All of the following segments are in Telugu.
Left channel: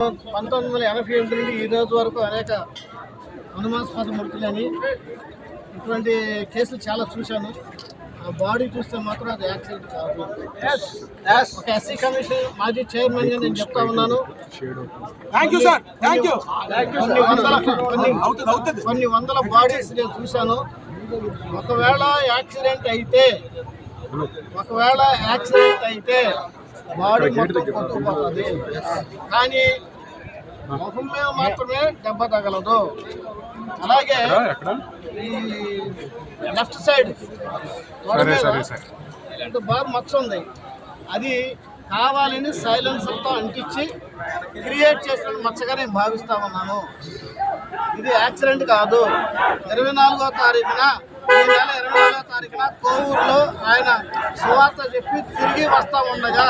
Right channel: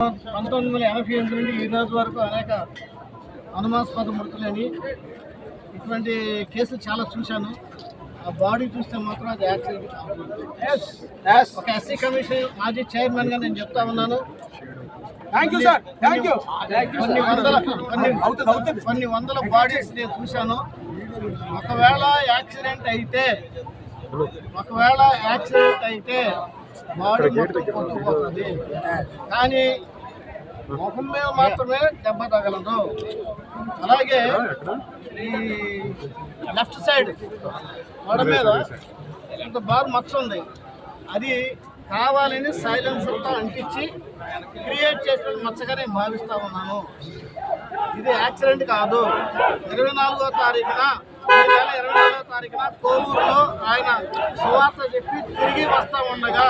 1988 నుండి ఈ రోజు వరకు అనేక అనుమానాస్పద మృతులని ఇటువంటి కేసులు చాలా చూశాను. ఆ బాడీ చూస్తే మాత్రం అది యాక్సిడెంట్ కాదు. ఒక ఎస్సీ కమిషన్ మాజీ చైర్మన్ గా నేను చెప్తా ఉన్నాను. కొన్ని వందల బాడీస్ నేను చూశాను. ఒకవేళ యాక్సిడెంట్ అయితే బాడీ కొట్టుకుపోతుంది, కానీ ముఖం మీద మాత్రమే దెబ్బ తగలదు. అలాగే ఈ లెఫ్ట్ సైడ్ తొడ మీద ఇంత బాగా మచ్చ ఉంది. అది కావాలని సైలెన్సర్తో అంటించి క్రియేట్ చేసిన మచ్చగా నేను భావిస్తా ఉన్నాను. ఇది యాక్సిడెంట్ కాదు. 24వ తారీఖున కోవూరులో ఆయన సువార్త చెప్పి తిరిగి వస్తూ ఉండగా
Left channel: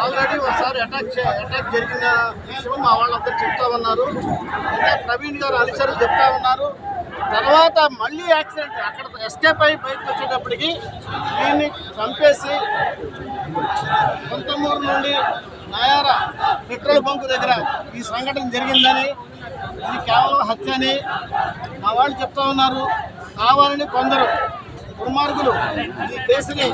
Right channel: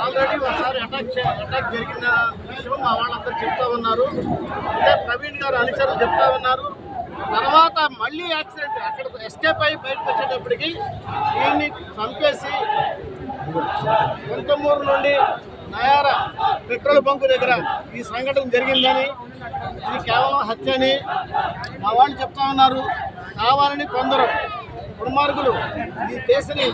ఆల్రెడీ ఒకసారి అటాక్ జరిగిన విషయం మా వాళ్ళందరూ చెప్తా ఉన్నారు. ఇంకా ప్రవీణ్ గారు అనుచరులు చెప్తా ఉన్నారు. తర్వాత మళ్ళీ యాక్సిడెంట్ అక్కడ ఎస్కేప్ అయ్యి బయటకు వచ్చేటప్పటికి దీన్ని చంపేసి కొంతమూరు నుండి నయారా పెట్రోల్ బంకు దగ్గర ఈ సంఘటన జరిగిందని, ఇది కేవలం హత్య అని మా వాళ్ళు చెప్తా ఉన్నారు. కావాలని కొందరు దుర్మార్గులు ఈ కేసుని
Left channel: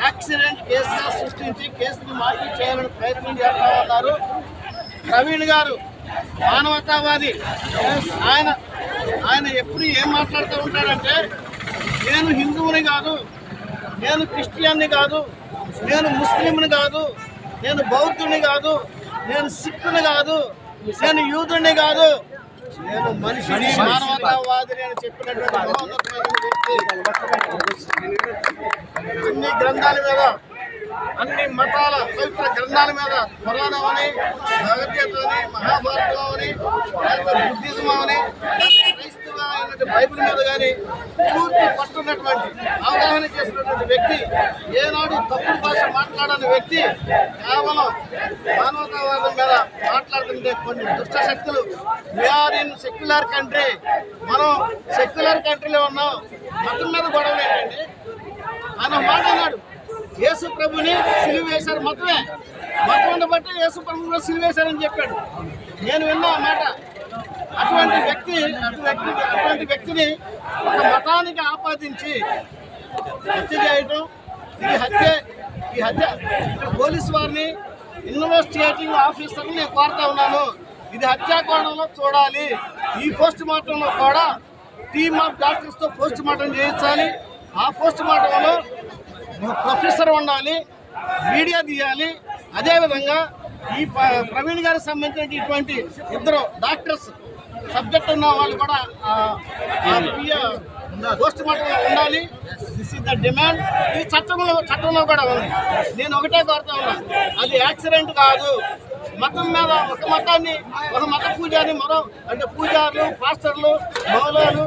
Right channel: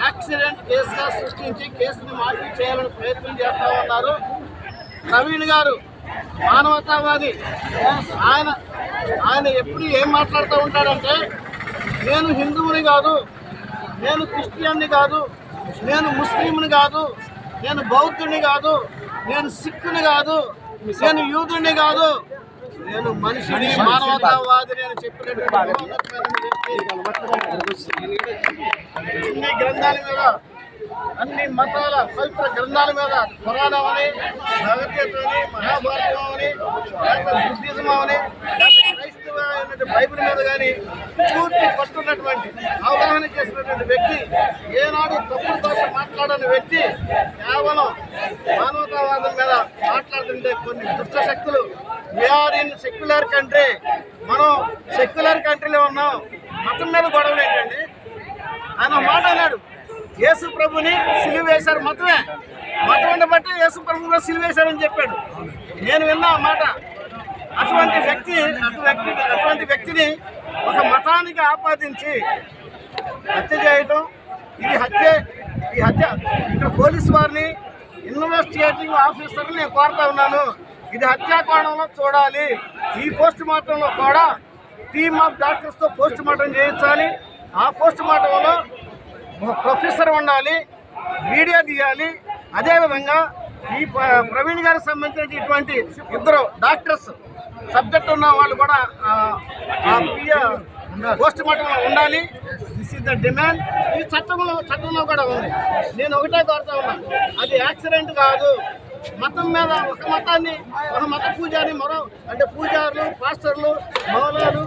యాక్సిడెంట్ కేసుగా సృష్టించి కేసుని మార్పు చేయాలని ప్రయత్నం చేస్తూ ఉన్నారు. ప్రవీణ్ గారు మానవతావాది. ఆయన ఎప్పుడు ఏం మాట్లాడుతూ ఉంటాడంటే, నేను హిందువుని కాదు, నేను క్రిస్టియన్ని కాదు, నేను ముస్లింని కాదు, నేను బౌద్ధుని కాదు, నేను సిక్కుని కాదు, నేను యూదుని కాదు, నేను మనిషిని, మానవతావాదిని అని చెప్పినటువంటి అన్ని గ్రంథాల మీద, అన్ని మతాల పవిత్ర గ్రంథాల మీద, పురాణం అని, భగవద్గీత అని, మహాభారతం అని, లేకపోతే బుద్ధిజం అని, లేకపోతే క్రైస్తవ అయినటువంటి బైబిల్ మీద కానీ పూర్తి పట్టున్నటువంటి అవగాహన చేసినటువంటి వ్యక్తి, ఏనాడు తప్పుడు భాష మాట్లాడని వ్యక్తి కేవలం మానవతావాదం మీద మాట్లాడుతుంటే కొన్ని దుష్ట శక్తులు, వీఆర్ ఇన్ సెక్యులర్ కంట్రీ, మనం సెక్యులర్ కంట్రీలో ఉన్నాం, మతం మీద గొడవలు ఏంటండి? ఆయన మాట అన్నాడు, యేసు ప్రభుని సిలువ వేశారు, మతం బట్టి యేసు ప్రభు కూడా సిలువ వేశారని చెప్పాడు. నేను విన్నా ఆ మాట. అటువంటి వ్యక్తిని ఒక మతానికి ఆపాదించి హత్య చేయటం, ఈ హత్య ఇక్కడ పోలీసు వారిని, ఇన్వెస్టిగేటింగ్ ఆఫీసర్ని నేను కోరుతా ఉన్నాను, ఇది హత్యా కోణంలో చూడాలి. ఈ పోస్ట్ మార్టంలో కూడా టీమ్ ఆఫ్ డాక్టర్స్తో పోస్ట్ మార్టం చేయించాలి. ఆ పోస్ట్ మార్టంలో ప్రొఫెసర్ ఉండాలి, వీడియో తీయాలి. అదేవిధంగా ఈ ప్రవీణ్ గారికి సంబంధించిన ఇటువంటి ఇద్దరు డాక్టర్స్ సబ్జెక్ట్ ఉన్న వాళ్ళు కూడా పోస్ట్ మార్టంలో ఉండాలి. This is the demand. ఈ చట్టంలో కూడా ఉంది. నేను ఒకటే కోరుతా ఉన్నా, అది యాక్సిడెంట్ కాదు. మతం మీద ఒక మతాన్ని, ఒక మత పూజారి అంటే పూజారులు, పాస్టర్లు, మౌలాలు,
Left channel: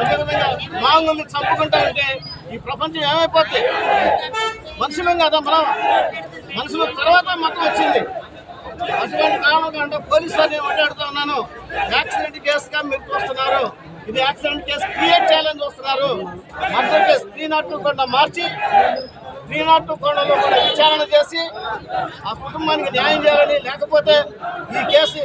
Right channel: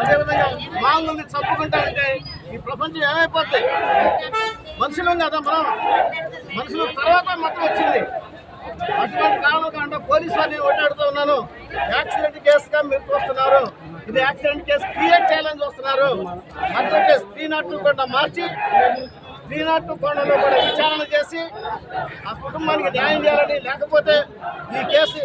అదేవిధంగా మాంగుల్ని చంపుకుంటా ఉంటే ఈ ప్రపంచం ఏమైపోతుంది? మనుషులం కదా మనం, మనుషుల తర్వాత మతం వచ్చింది. అటువంటి కారణంగా పోలీసు వారిని ఓటాడుతూ ఉన్నాను, యాక్సిడెంట్ కేసుగా మీరు చూస్తున్నారు, ఇది యాక్సిడెంట్ కేసు క్రియేట్ చేయాలని చూస్తున్నారు. మర్డర్ కేసు 302 కూడా మార్చి 302 కోణంలో కూడా విచారణ చేసి ఆ కుటుంబానికి న్యాయం చేయాలని, లేకపోతే ఈ కేసు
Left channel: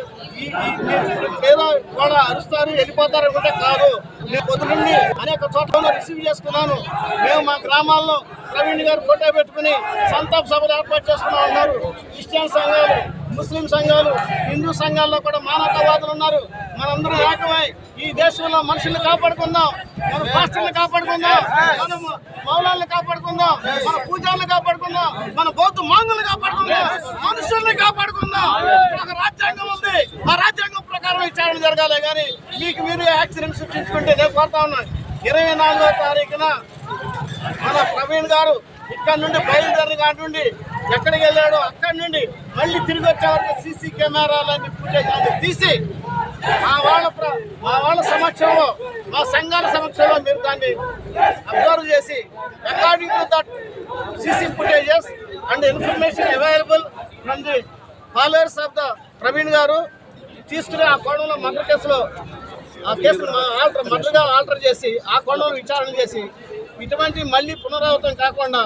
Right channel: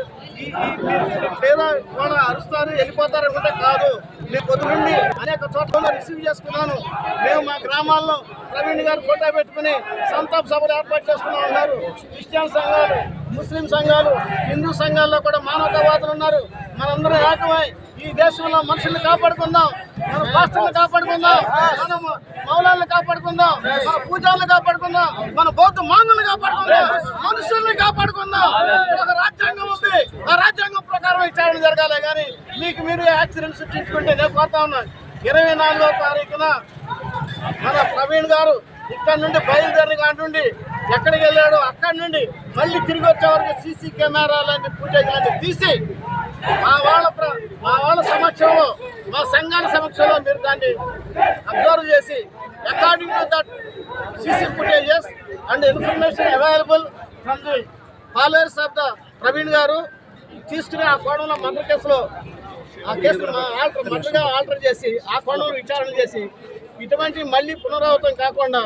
లేదా కూడా అరుస్తారు, వెళ్ళిపోతారు అనుకుంటే కాదు. నేను పొద్దు నుండి అనేక చోట్ల రిసీవ్ చేసుకున్నాను. మేము మా గ్రామాల్లో ప్రవీణ్ గారు ఫోటో పెట్టుకుని సంతాప సభలు ఏర్పాటు చేసుకుని ఉన్నారు. క్రిస్టియన్ సంఘాలు, ముస్లిం సంఘాలు, హిందూ సంఘాల్లో కూడా మానవతావాదులు ఉన్నారు. మనందరం ఏకమై ఈ దేశంలో మనుషుల్ని కాపాడుకుందాం, మన పాస్టర్ని కాపాడుకుందాం, మన మౌలాలను కాపాడుకుందాం, మన పూజారులు కాపాడుకుందాం, మన బౌద్ధ మాంగుల్ని కాపాడుకుందాం, మనుషుల్ని కాపాడుకుందాం. ఒక రాజ్యాంగం ఉంది, ఆ రాజ్యాంగం ప్రకారం విచారణ జరగాలి. కానీ మీరు యాక్సిడెంట్ సృష్టించుకుంటే నేను కోరుతా ఉన్నాను. 24వ తారీఖున మన ప్రవీణ్ గారు ఇక్కడ నుండి బయలుదేరిన కాడి నుండి ఎక్కడికి వెళ్ళాడో అక్కడి నుండి మళ్ళీ తిరిగి వచ్చే వరకు సీసీ కెమెరాలన్నీ ఫుటేజ్లన్నీ తీసి మా వాళ్ళ సమక్షంలో, మా సంఘాల సమక్షంలో మీరు దాన్ని అబ్జర్వ్ చేసి according to that CC footages and information available from the followers of the Praveen గారు తీసుకుని ఆ కోణంలో మర్డర్ కేసులో ఆ కేసును మర్డర్గా ఆల్టర్ చేసి ఆ కోణంలో విచారణ చేసి ఇటువంటి మళ్ళీ పునరావృతం కాకుండా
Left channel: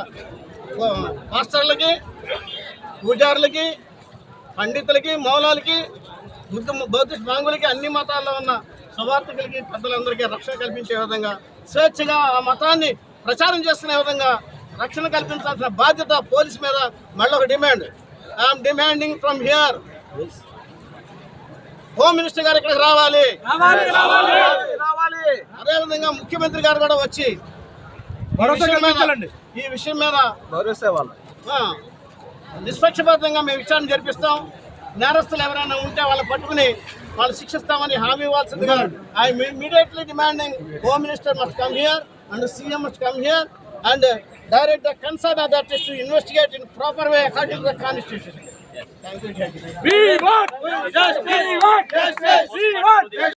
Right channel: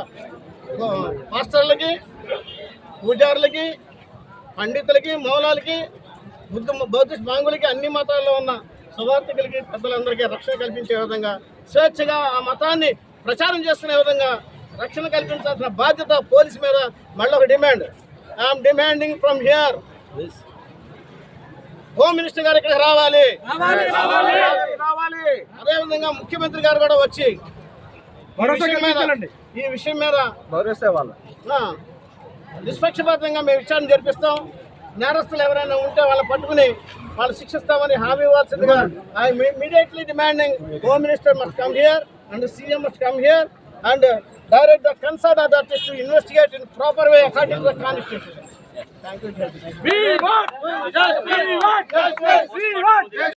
పాస్టర్లకి, పూజారులకి, పండితులకి, మౌలాలకి, బౌద్ధిస్ట్ మాంగులకి, అన్ని మతాల్లో ఉన్న సువార్థికులకి, పెద్దలందరికీ రక్షణ కల్పించే విధంగా, స్వేచ్ఛగా ఆ మతాన్ని ప్రచారం చేసుకునే విధంగా రక్షణ కల్పించాల్సిన బాధ్యత పోలీస్ మీద. మళ్ళీ ఒక demand, I'm demanding from here, home minister గారు ఇక్కడికి రావాలి. అదేవిధంగా ముఖ్యమంత్రి గారు కూడా వచ్చి ఈ విషయం మీద నిష్పక్షపాతంగా మేము విచారణ జరిపిస్తాం. నేరస్తులు ఎవరైనా ఉంటే వాళ్ళని పట్టుకుని వాళ్ళు శిక్షిస్తామని హామీ ఇవ్వాల్సిందిగా I immediately demanding home minister must come here and CM must come here and direct the concerned authorities to investigate in proper way according to the constitution. Thank you, Judge. We want justice.